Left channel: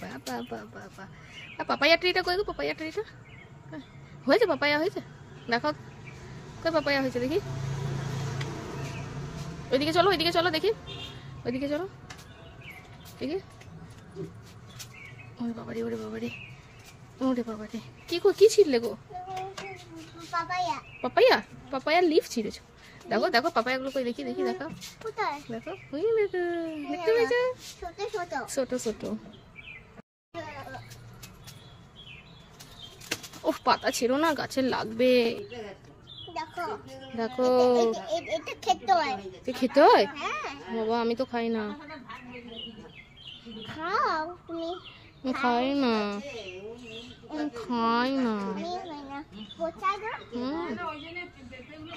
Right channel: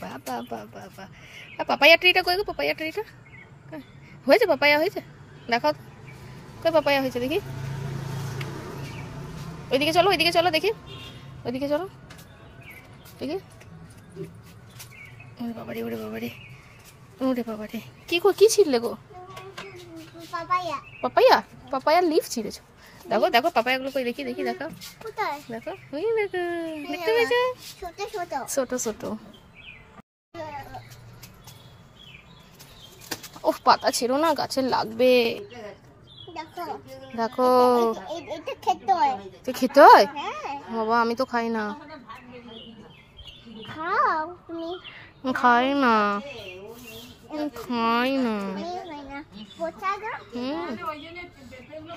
বাবা বাবা বাবা, পাপায়া ট্রিটা কই গো? পাপায়া ট্রিটা হয়েছে? পাপায়া হয়েছে? দেখো কই পাপায়া হয়েছে দেখি। ওইদিকে চলো, ওইদিকে চলো দেখি, ওইদিকে চলো দেখি। ওরে বাবারে, ওরে বাবারে, ওরে বাবারে, কি ছিড়লে গো? পাপায়া। পাপায়া? পাপায়ার লিফ ছিঁড়েছো? দেখো দেখো পাপায়াগুলো কই দেখি, দেখি দেখো দেখো, ওই দেখো দেখতে পেয়েছো? ছোট ছোট ছোট ছোট। উফ, পাতা ছিল না, গাছের লাগবে। দেখো দেখো এটা খেতে হয়। খেতে হয়? হ্যাঁ বাবা আমি তো খাই না। খাও তুমি। খাই না, খাই না। পচা গো। হুম,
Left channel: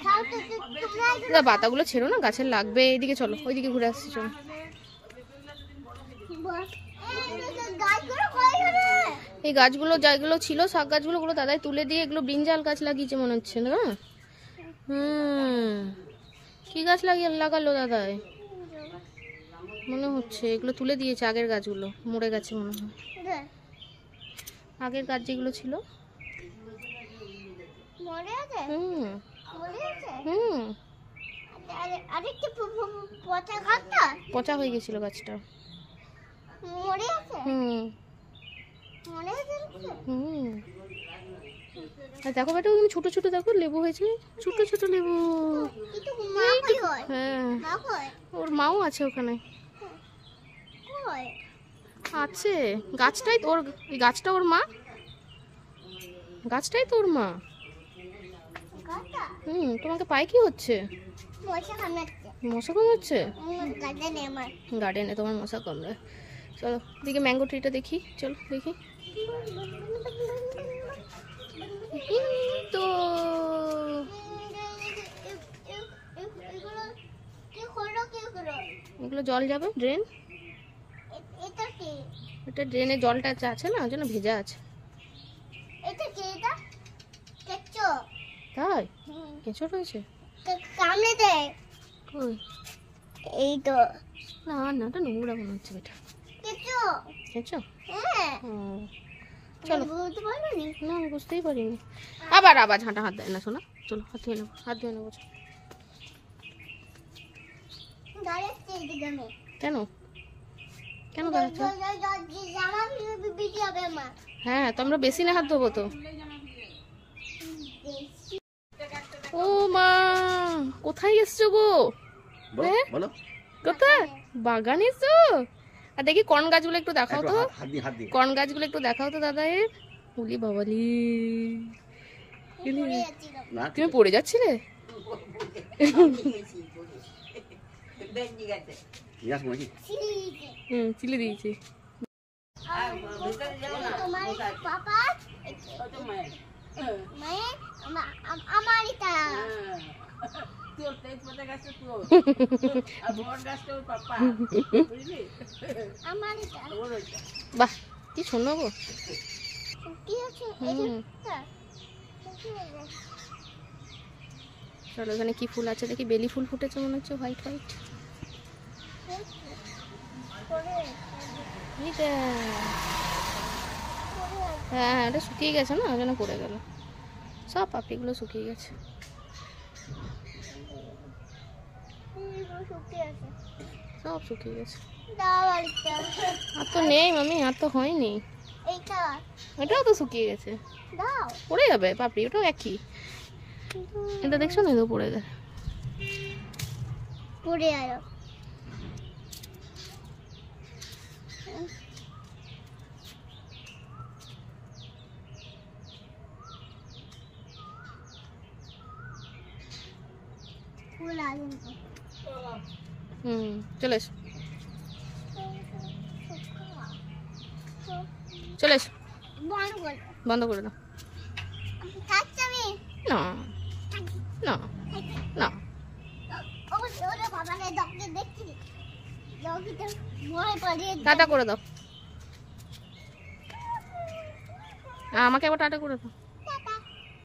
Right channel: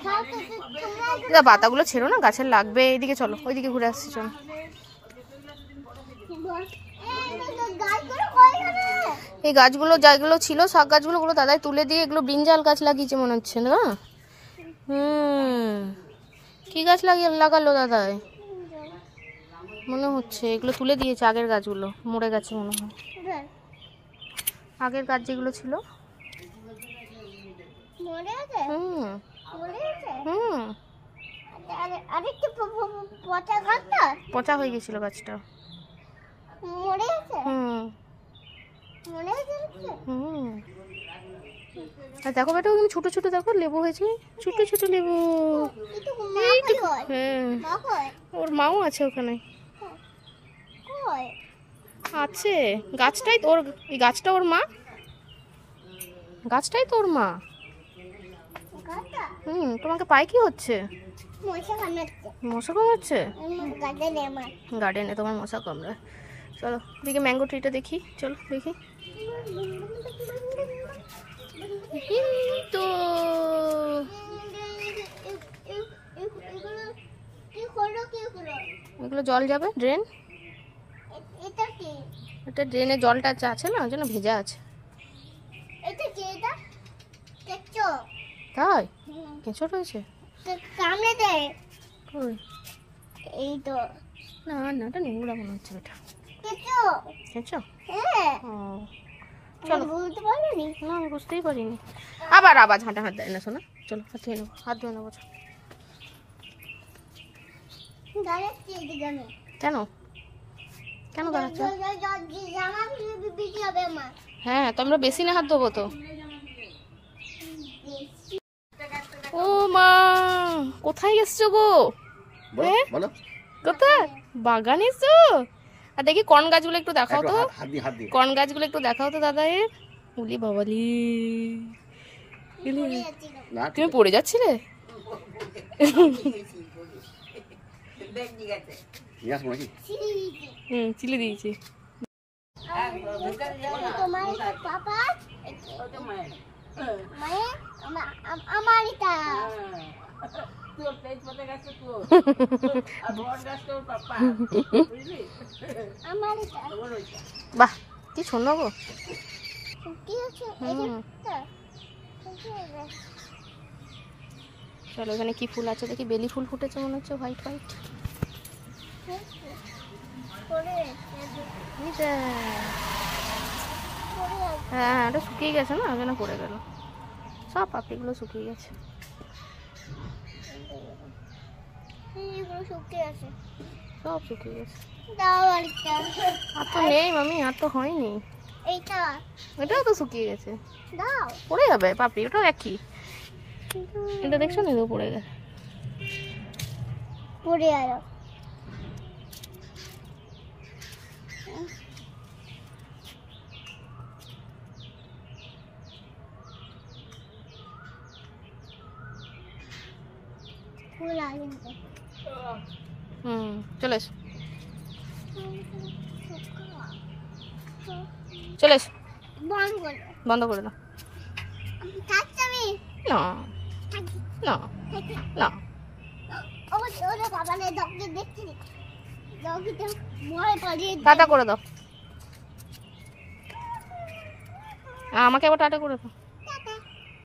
খাও তো তোমরা। পাতাগুলো ছেড়ো না, গাছের লাগবে। এইদিকে চলো, ওইদিকে ঘুরে আসছি চলো। এই গাছগুলো যেগুলো ছিল শাক গাছগুলো, গুলো দাদাই তুলে দিয়ে এগুলো ব্রিঞ্জাল গাছ লাগিয়েছে মনে হচ্ছে না? কি গাছ লাগালো দাদাই? মনে হচ্ছে এগুলো তুলে দিয়েছে, আগের গাছগুলো মরে গেছে মনে হয়। আগের গাছ যেগুলো ছিল। পচা হয়ে গেছিল গাছটা। আর দেখো বেটা, ওখানে ছোট ছোট দেখো লেবু হয়েছে, ছোট ছোট লেবু। ওর মাও আছে ওখানে, আছে গাছটাই তোর, এই গাছটা ওর মা, গাছটাই তোর মা। তোমাকে পায় কি হচ্ছে? মশা কামড়াচ্ছে? গার্ডেনে তোমার মশা কামড়ায়। চলো দিকে ম্যাঙ্গো ট্রিটা দেখি, চলো দেখি। তো এগুলো জল যাবে, ড্রেন। এটা ড্রেনে জলটা আছে না, যেন ভেজা আছে। তাই কেঁচো রয়েছে? এই তো না না, এটা নোংরা মনে হচ্ছে বেটা। কেঁচো? চলো, বুঝতে পারিনি। না আমি বুঝতেই পারিনি। আবার আবার হাঁটা হাত দেয় না শোনা। চলো হাত ধুয়ে নেবো, হাত ধুয়ে নেবো। কেন কেন বাড়াচ্ছ? হ্যাঁ তো আমরা বেশি না হাত ধোবো তো। ও মা, কোথায় এসছো গো? কোথায়? বাগান এসছো? আর দেখি কর্ন গাছগুলো একটু দেখাও তো, কর্ন গাছগুলো একটু দেখাও তো দাদা। উলি বাবালি, তুমি পড়ে যাচ্ছিলে? চিলি দিয়েছি। বাহ কি সুন্দর গো। চলো এখানে কি ফুল আছে দেখি। বেলি ফুল ফুটেছে মনে হচ্ছে, হোয়াইট হোয়াইট। হ্যাঁ এটা শুকিয়ে গেছে না, আগে না পড়ে গেল। সব পাপড়িগুলো শুকিয়ে গেছে। সব শুকিয়ে গেছে। আর তো নেই মামি, আর তো হয়নি। এটাও তো শুকিয়ে গেছে, পড়ে যাবে পাপড়ি। ওটা একই, এটা দেখছো না পড়ে গেছে, পড়ে গেল। চলে এসো, চলে এসো। বন্ধ করে দাও। না টাটা করে দাও, আমাকে এবার টাটা করে দাও।